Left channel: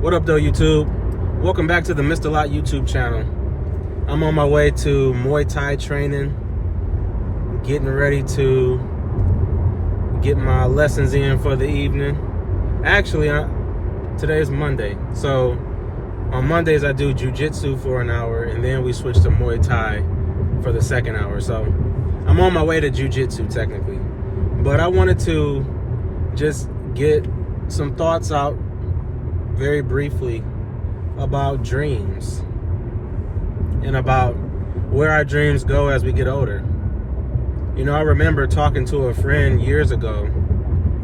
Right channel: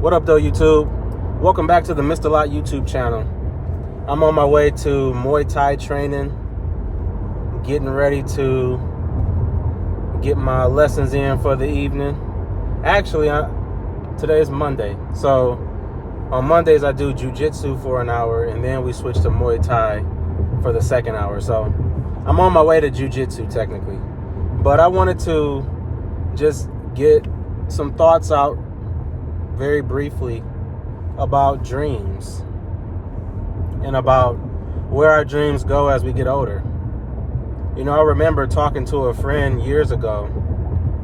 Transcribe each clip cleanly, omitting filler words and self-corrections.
What up though, YouTube? Welcome back to the Mr. Lot YouTube channel. I'm on my way to Muay Thai training, getting ready to get my lessons in for the evening. Actually, today is Monday, so on Mondays I do jiu-jitsu for an hour, and then we switch to Muay Thai for the second hour. So I'm on my way to jiu-jitsu technically, but I wanted to just get some thoughts out very briefly about dreams and about where our dreams go as we get older. You know, I remember talking to a friend years ago,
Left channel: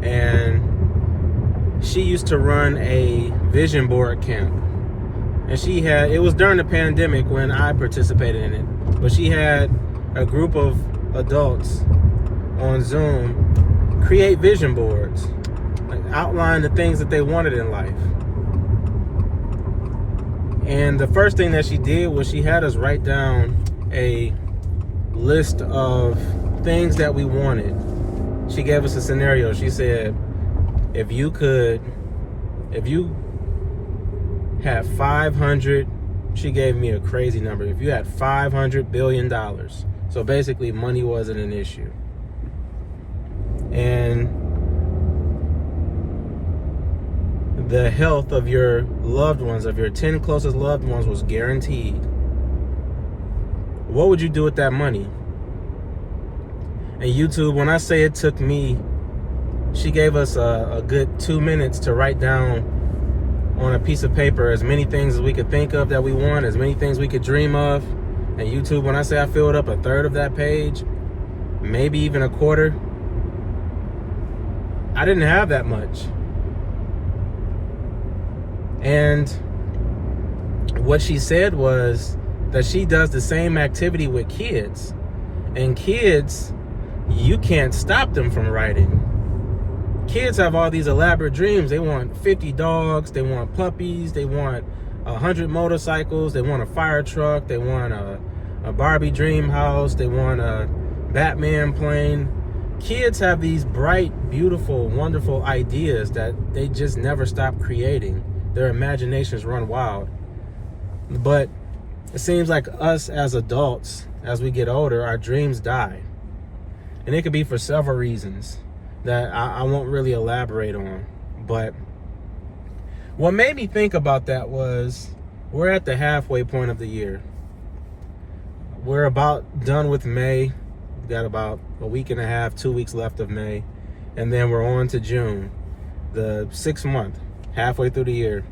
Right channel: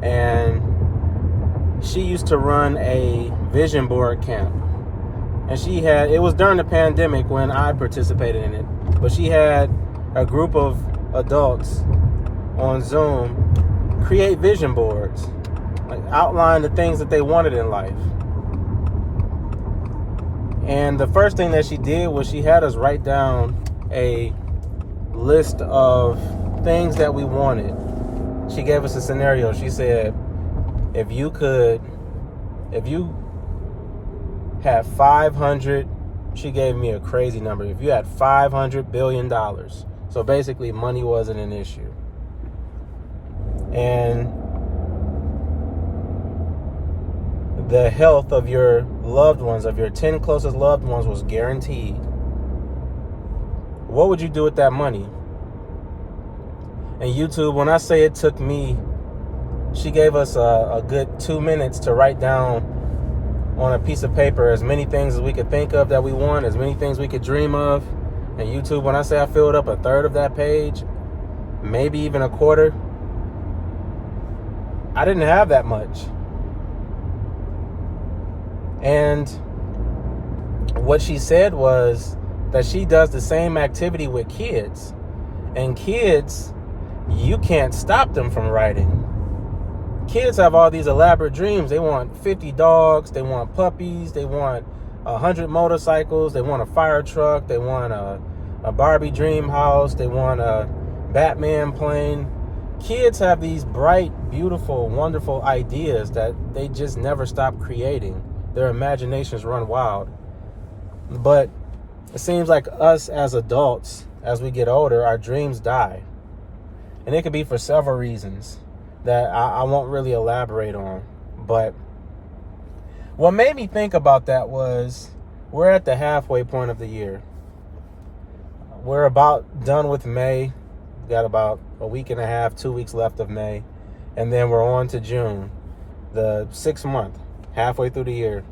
and she used to run a vision board camp. And it was during the pandemic when I participated in it, but she had a group of adults on Zoom create vision boards, like outline the things that they wanted in life. And the first thing that she did was she had us write down a list of things that we wanted. She gave us a scenario. She said, if you had 500, she gave me a crazy number. If you had $500 billion. So basically money wasn't an issue. And the health of your loved ones, of your 10 closest loved ones, was guaranteed. What would you do with that money? And YouTube, when I say it took me, she gave us a good 2 minutes to write down on a piece of paper as many things as we could think of that we want, as many things we could dream of. And YouTube, when I say I filled up a third of that page, maybe even a quarter, I didn't have that much. And what she said was that she does the same activity with kids. And kids, you can't stop them from writing. Kids have all these elaborate dreams. They want 50 dogs, they want puppies, they want 100 motorcycles, they want a fire truck, they want a Barbie dream house, they want a Batman plane. Kids have these bright, beautiful, wonderful ideas that they just never stop creating. Their imaginations run wild. But it seems like us as adults, as we get older, our dreams die. And it could be for several reasons that I won't really elaborate on. But what made me think about that was we're at the halfway point of the year. We're about done with May. We've got about a week and a half, 2 weeks left of May. And then we're on to June, the 6th month, halfway through the year.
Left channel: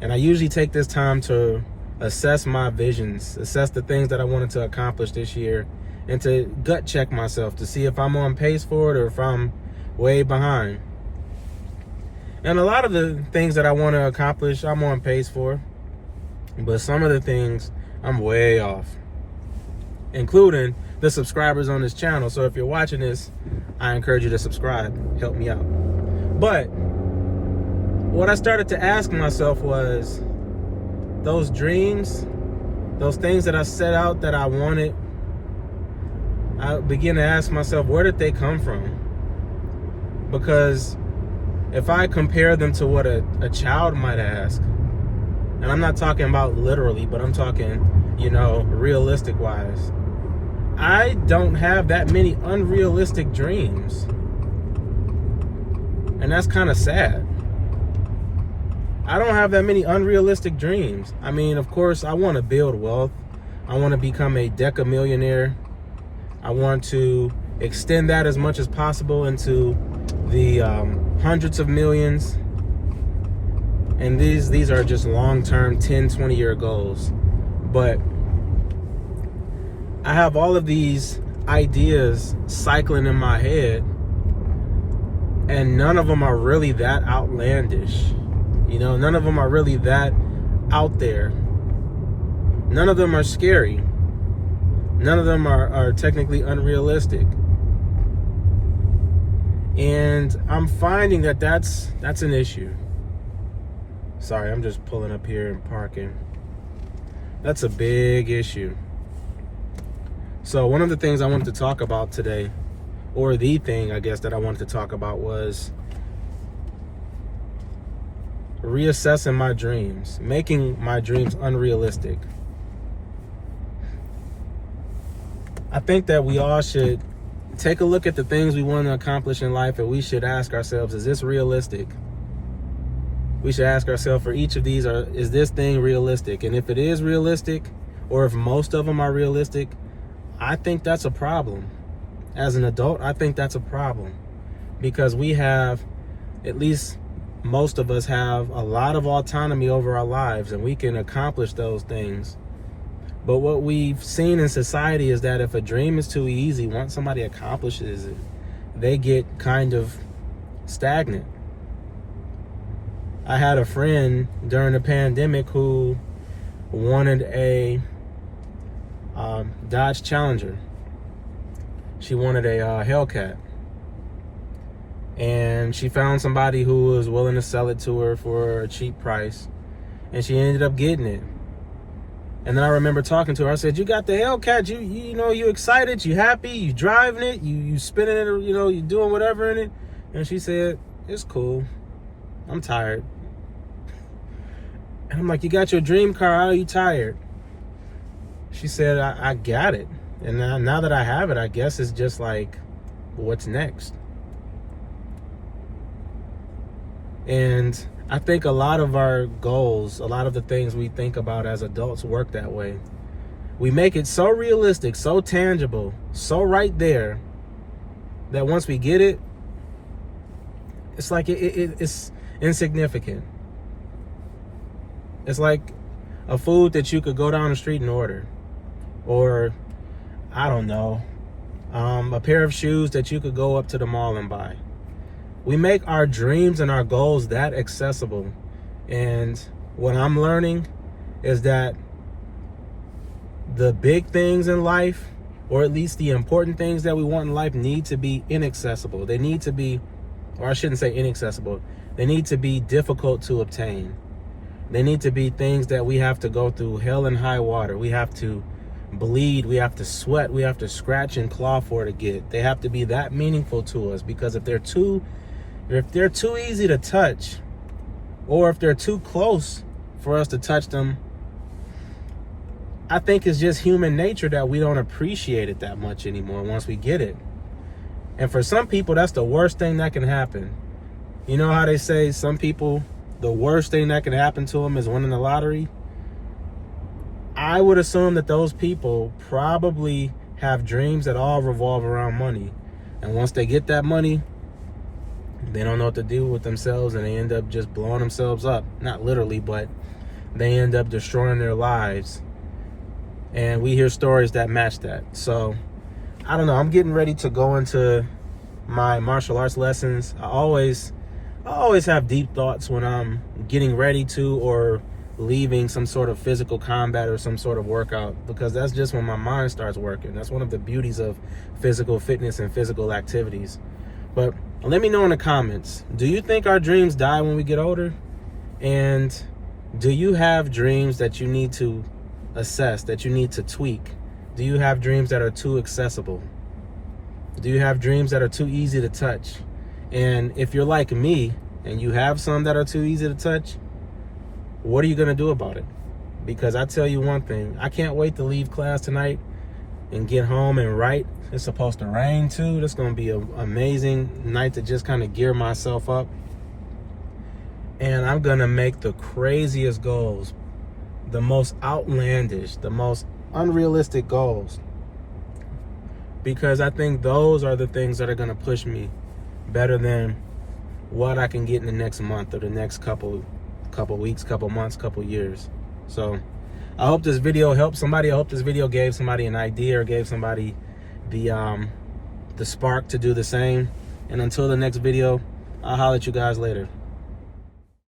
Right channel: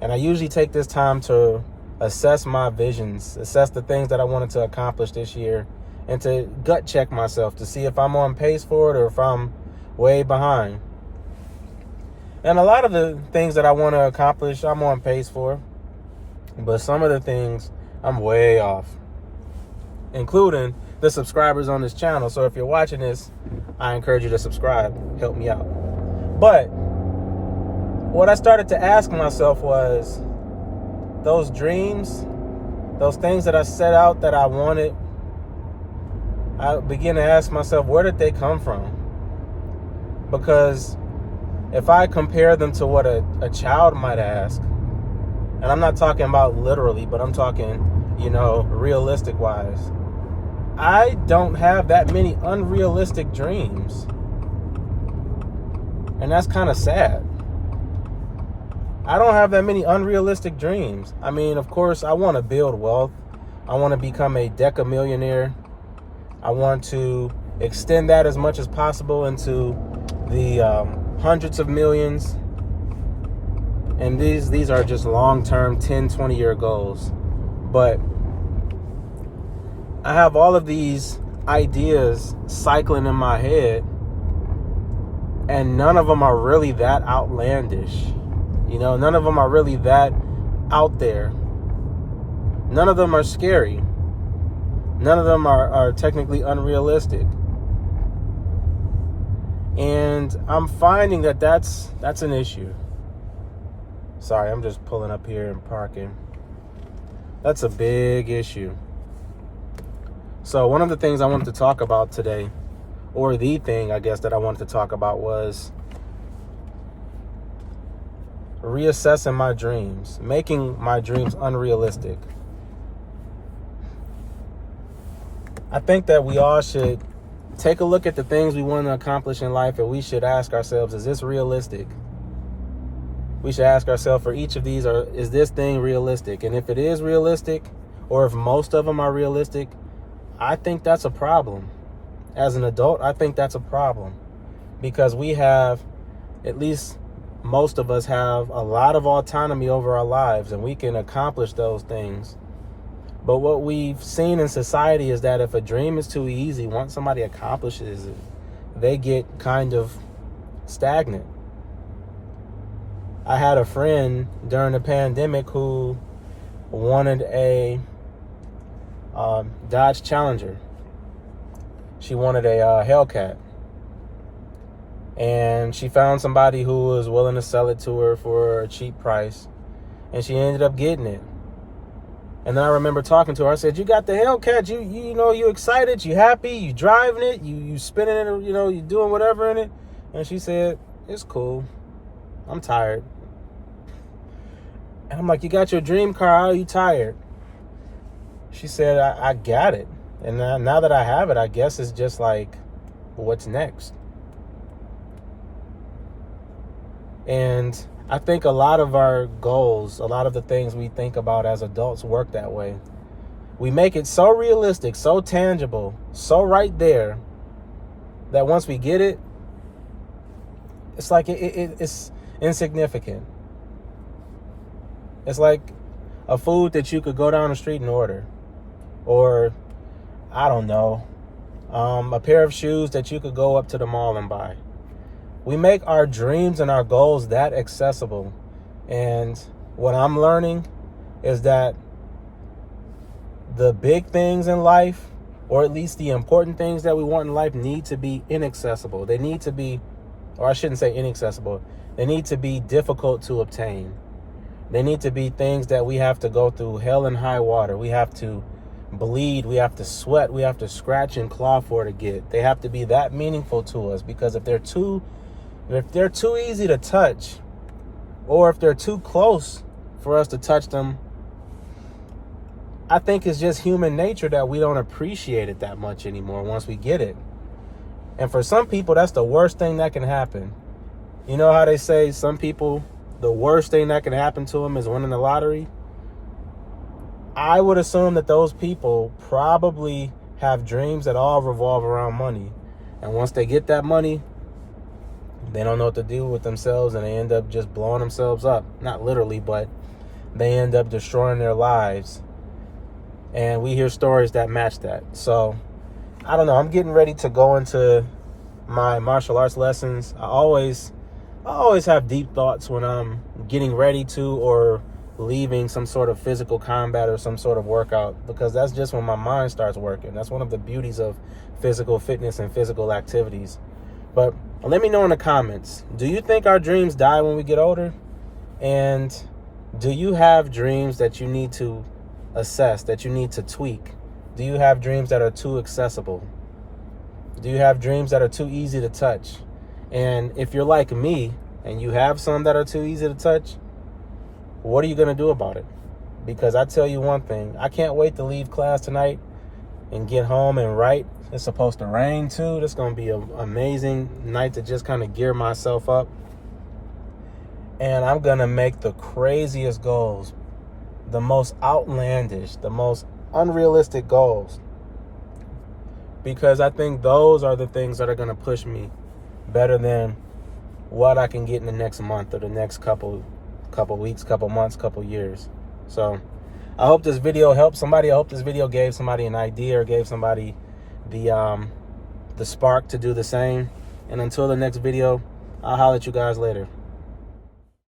And I usually take this time to assess my visions, assess the things that I wanted to accomplish this year, and to gut check myself to see if I'm on pace for it or if I'm way behind. And a lot of the things that I want to accomplish, I'm on pace for. But some of the things, I'm way off, including the subscribers on this channel. So if you're watching this, I encourage you to subscribe. Help me out. But what I started to ask myself was, those dreams, those things that I set out that I wanted, I began to ask myself, where did they come from? Because if I compare them to what a child might ask, and I'm not talking about literally, but I'm talking, realistic wise, I don't have that many unrealistic dreams. And that's kind of sad. I don't have that many unrealistic dreams. I mean, of course, I want to build wealth. I want to become a decamillionaire. I want to extend that as much as possible into the hundreds of millions. And these are just long-term 10, 20-year goals. But I have all of these ideas cycling in my head, and none of them are really that outlandish. None of them are really that out there. None of them are scary. None of them are technically unrealistic. And I'm finding that that's an issue. Sorry, I'm just pulling up here and parking. That's a big issue. So one of the things I wanted to talk about today, or the thing I guess that I wanted to talk about, was reassessing my dreams, making my dreams unrealistic. I think that we all should take a look at the things we want to accomplish in life, and we should ask ourselves, is this realistic? We should ask ourselves for each of these, is this thing realistic? And if it is realistic, or if most of them are realistic, I think that's a problem. As an adult, I think that's a problem, because we have, at least most of us have, a lot of autonomy over our lives, and we can accomplish those things. But what we've seen in society is that if a dream is too easy, once somebody accomplishes it, they get kind of stagnant. I had a friend during the pandemic who wanted a Dodge Challenger. She wanted a Hellcat. And she found somebody who was willing to sell it to her for a cheap price. And she ended up getting it. And then I remember talking to her. I said, you got the Hellcat. You excited? You happy? You driving it? You spinning it? You doing whatever in it? And she said, it's cool. I'm tired. And I'm like, you got your dream car. How are you tired? She said, I got it. And now that I have it, I guess it's just like, what's next? And I think a lot of our goals, a lot of the things we think about as adults work that way. We make it so realistic, so tangible, so right there, that once we get it, it's like it's insignificant. It's like a food that you could go down the street and order. Or, I don't know, a pair of shoes that you could go up to the mall and buy. We make our dreams and our goals that accessible. And what I'm learning is that the big things in life, or at least the important things that we want in life, need to be inaccessible. They need to be, or I shouldn't say inaccessible, they need to be difficult to obtain. They need to be things that we have to go through hell and high water. We have to bleed, we have to sweat, we have to scratch and claw for to get. They have to be that meaningful to us, because if they're too easy to touch, or if they're too close for us to touch them, I think it's just human nature that we don't appreciate it that much anymore once we get it. And for some people, that's the worst thing that can happen. You know how they say some people, the worst thing that can happen to them is winning the lottery? I would assume that those people probably have dreams that all revolve around money. And once they get that money, they don't know what to do with themselves, and they end up just blowing themselves up. Not literally, but they end up destroying their lives. And we hear stories that match that. So, I don't know. I'm getting ready to go into my martial arts lessons. I always have deep thoughts when I'm getting ready to, or leaving some sort of physical combat or some sort of workout, because that's just when my mind starts working. That's one of the beauties of physical fitness and physical activities. But let me know in the comments, do you think our dreams die when we get older? And do you have dreams that you need to assess, that you need to tweak? Do you have dreams that are too accessible? Do you have dreams that are too easy to touch? And if you're like me and you have some that are too easy to touch, what are you going to do about it? Because I tell you one thing, I can't wait to leave class tonight and get home and write. It's supposed to rain too. That's going to be an amazing night to just kind of gear myself up. And I'm going to make the craziest goals, the most outlandish, the most unrealistic goals. Because I think those are the things that are going to push me better than what I can get in the next month or the next couple weeks, couple months, couple years. So I hope this video helped somebody. I hope this video gave somebody an idea, or gave somebody the spark to do the same. And until the next video, I'll holler at you guys later.